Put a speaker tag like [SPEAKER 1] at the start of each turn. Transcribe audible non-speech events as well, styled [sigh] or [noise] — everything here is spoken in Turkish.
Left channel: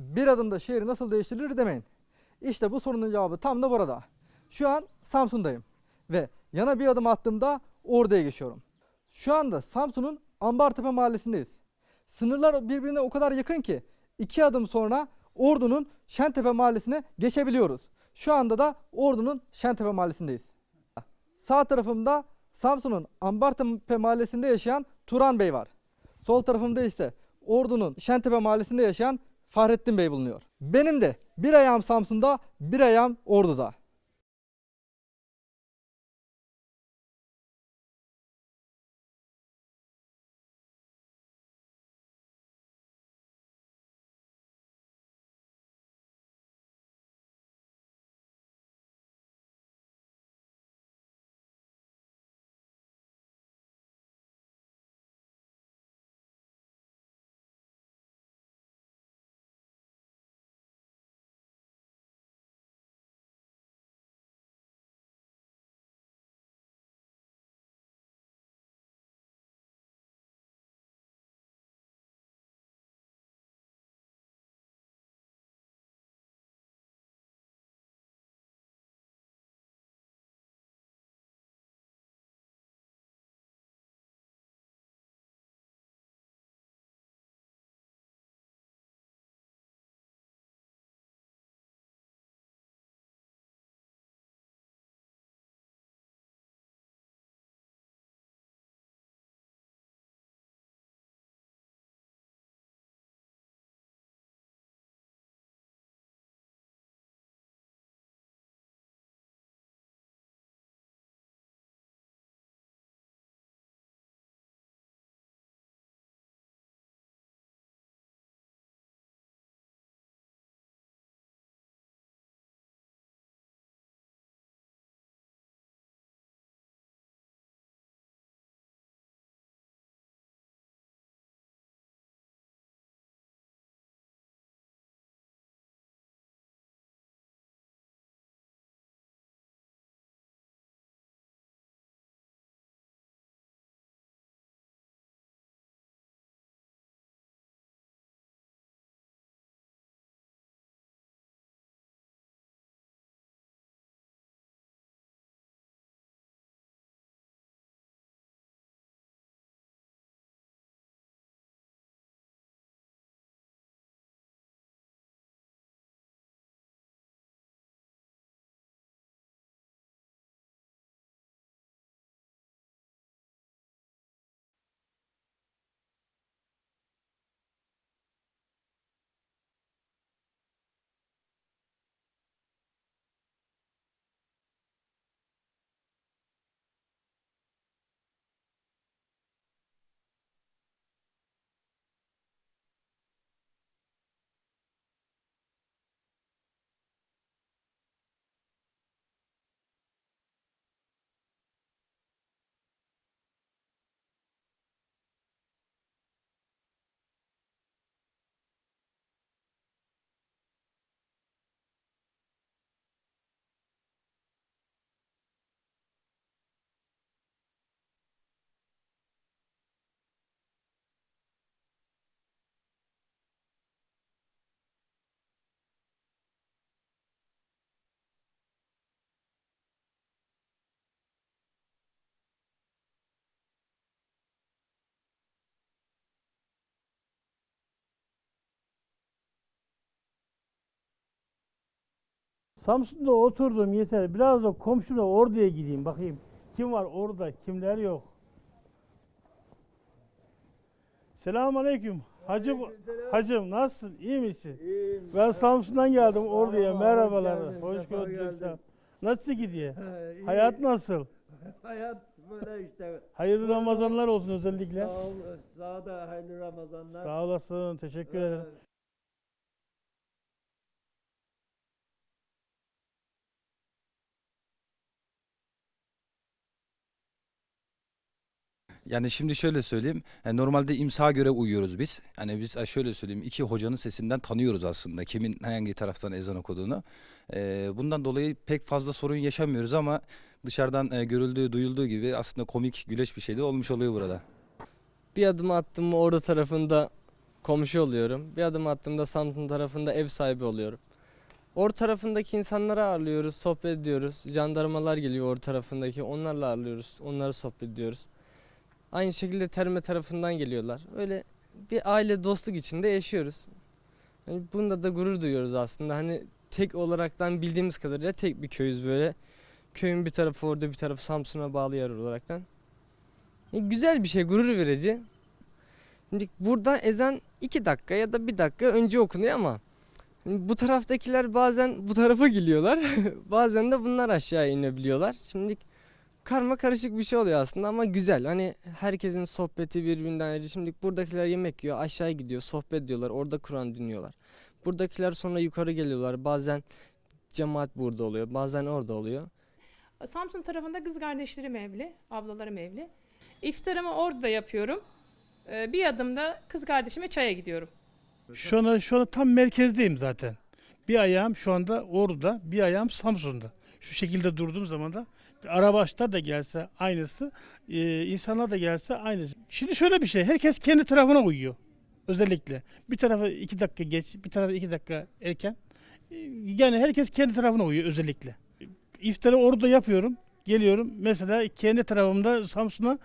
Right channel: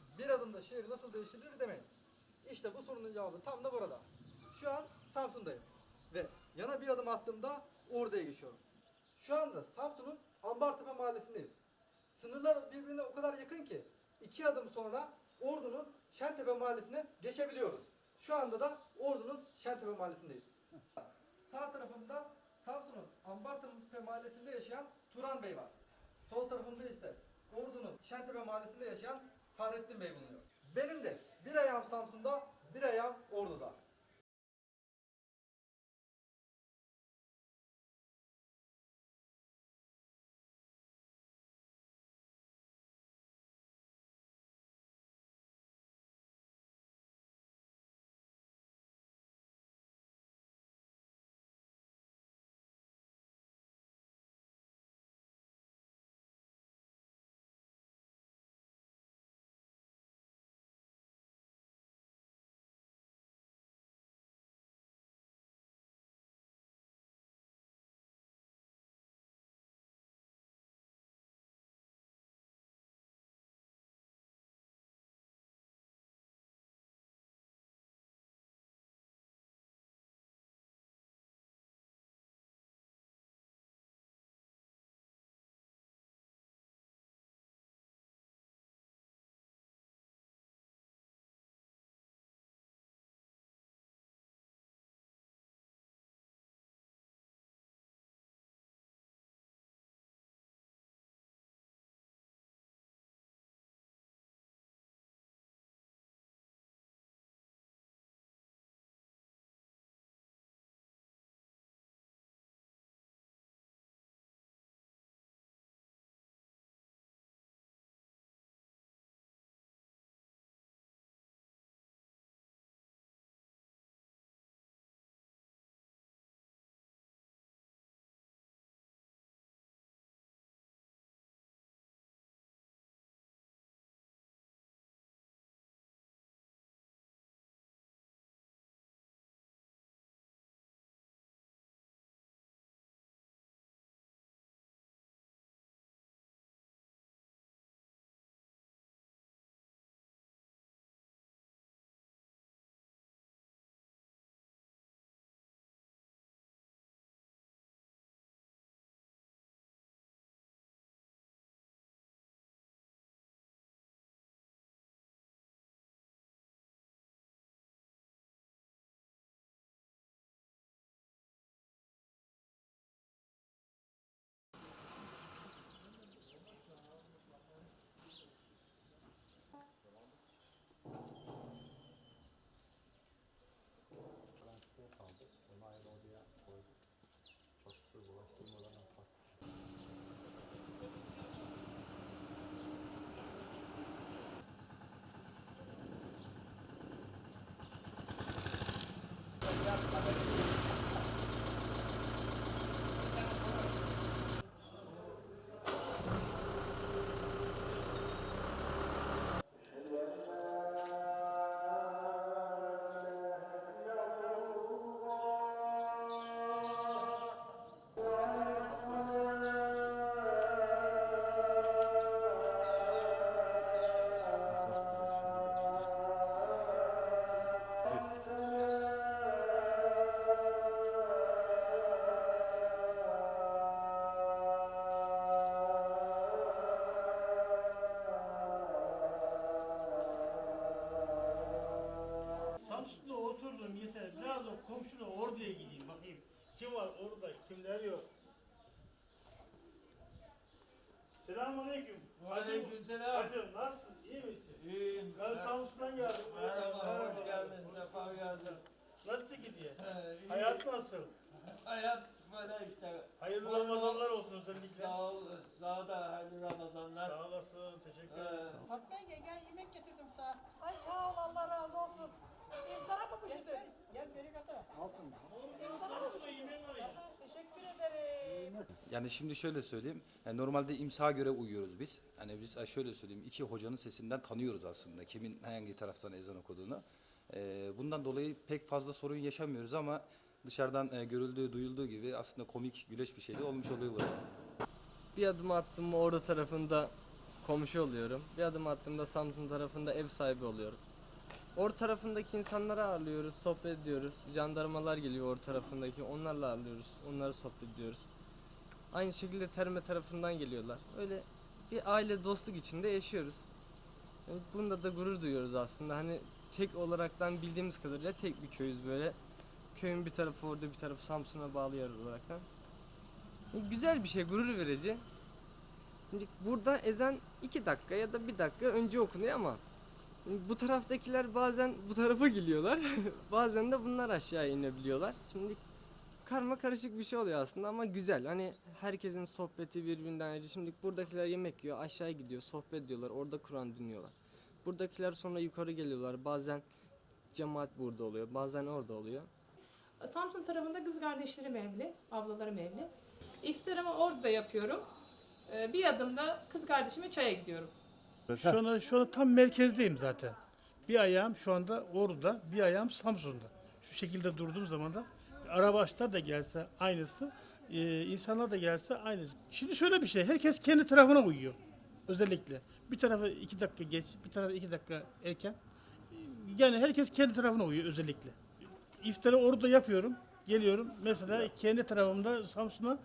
[SPEAKER 1] bir adımda şehri nasıl değiştirilir demeyin. İşte bu sorunun cevabı tam da burada. Şu an Samsun'dayım ve yana bir adım attığımda Ordu'ya geçiyorum. Şu anda Samsun'un Ambartepe mahallesindeyiz. Sınırlar birbirine o kadar yakın ki iki adım sonra Ordu'nun Şentepe mahallesine geçebiliyoruz. Şu anda da Ordu'nun Şentepe mahallesindeyiz. Sağ tarafımda Samsun'un Ambartepe mahallesinde yaşayan Turan Bey var. Sol tarafımda ise Ordu'nun Şentepe mahallesinde yaşayan Fahrettin Bey bulunuyor. Benim de bir ayağım Samsun'da, bir ayağım Ordu'da.
[SPEAKER 2] Samsun'da oturdum yeter. Biraz da komşuna Ordu'ya gideyim bakayım. Kim var orada, kimler yok. Selamun Aleyküm. Hacım,
[SPEAKER 3] Aleykümselam.
[SPEAKER 2] hacım nasılsın? İyi misin?
[SPEAKER 3] İyiyim.
[SPEAKER 2] Ben Samsun'dan geldim Ordu'ya.
[SPEAKER 3] Merhaba,
[SPEAKER 2] Merhabalar.
[SPEAKER 3] hoş
[SPEAKER 2] Hoş. Nasıl gidiyor?
[SPEAKER 3] He, iyi.
[SPEAKER 2] Hayat nasıl? [laughs]
[SPEAKER 3] Hayat böyle işte.
[SPEAKER 2] Hayırlı
[SPEAKER 3] bol
[SPEAKER 2] Ramazanlar olsun özellikle.
[SPEAKER 3] Sağ ol, sağ da hayırlı Ramazanlar.
[SPEAKER 2] Sağ olasın. Teşekkür
[SPEAKER 3] Ee,
[SPEAKER 2] ederim.
[SPEAKER 4] Fatma
[SPEAKER 5] Yani şimdi şöyle söyleyeyim. yani normalde imsaha göre uyuyoruz biz. Yani biz şöyle söyleyeyim. iki hocanın sesinden tanıyoruz aslında kimin hangi taraftan ezan okuduğunu. Ee, bundan dolayı pek fazla sorun yaşamıyoruz ama dışarıdan e, görüldüğü, duyulduğu gibi aslında komik, güleç bir şey de olmuş oluyor burada.
[SPEAKER 6] Bir adım attım mı orada tarafında komşu oluyorum. Bir adım attığımda Samsun tarafında ev sahibi oluyorum. Or tarafındaki insanları ağırlıyoruz, sohbet ediyoruz. Jandarmalar geliyor or tarafındaki, onlarla ağırlıyoruz, onları sohbet ediyoruz. Aynı şekilde Terme tarafından geliyorlar. Öyle bir aile dostluk içinde yaşıyoruz. Yani bunda da gurur duyuyoruz aslında. Hani tek olaraktan bildiğimiz kadarıyla tek bir köyüz böyle. Köyün bir tarafı orada bir tarafı Samsun'a bağlı yer olaraktan. E, güzel bir şey, gurur verici. Şimdi burada ezan iki dakika ya da bir dakika önce okunuyor ama bu taraftakiler bazen bu tarafa geliyorlar. [laughs] bazen de bunlar aşağı inebiliyorlar. Şimdi karma karışık bir şey oluyor aslında ama güzel. Hani herkesin sohbeti birbirinden ayrı. Şimdi buradakiler yemek yiyor, aşağı gidiyor, sohbet ediyorlar, orada Kur'an dinliyorlar. Buradakiler sonra yukarı geliyorlar. Bazen cemaat burada oluyor, bazen orada oluyor.
[SPEAKER 7] Samsun tarafında kız kardeşlerim evli, ablalarım evli. İftarımı orada yapıyorum. Ee, Bir adımda kız kardeşime çaya gidiyorum.
[SPEAKER 2] Şu anda, şu anda tam merkezdeyim zaten. Bir ayağım şu anda Ordu'da, bir ayağım Samsun'da. Şu şekilde durduğum zaman da arabaçlar da gelse aynısı, e, insanlar da gelse aynısı. Şimdi şöyle bir şey, herkes kendi tarafına uyuyor. Özellikle. Bir tarafa iki dakika geç, bir tarafa iki dakika erken. E, Yani herkes kendi tarafına uyuyor özellikle. İftarı orada yapıyorum. Geliyorum mesela kendi tarafımda Samsun'a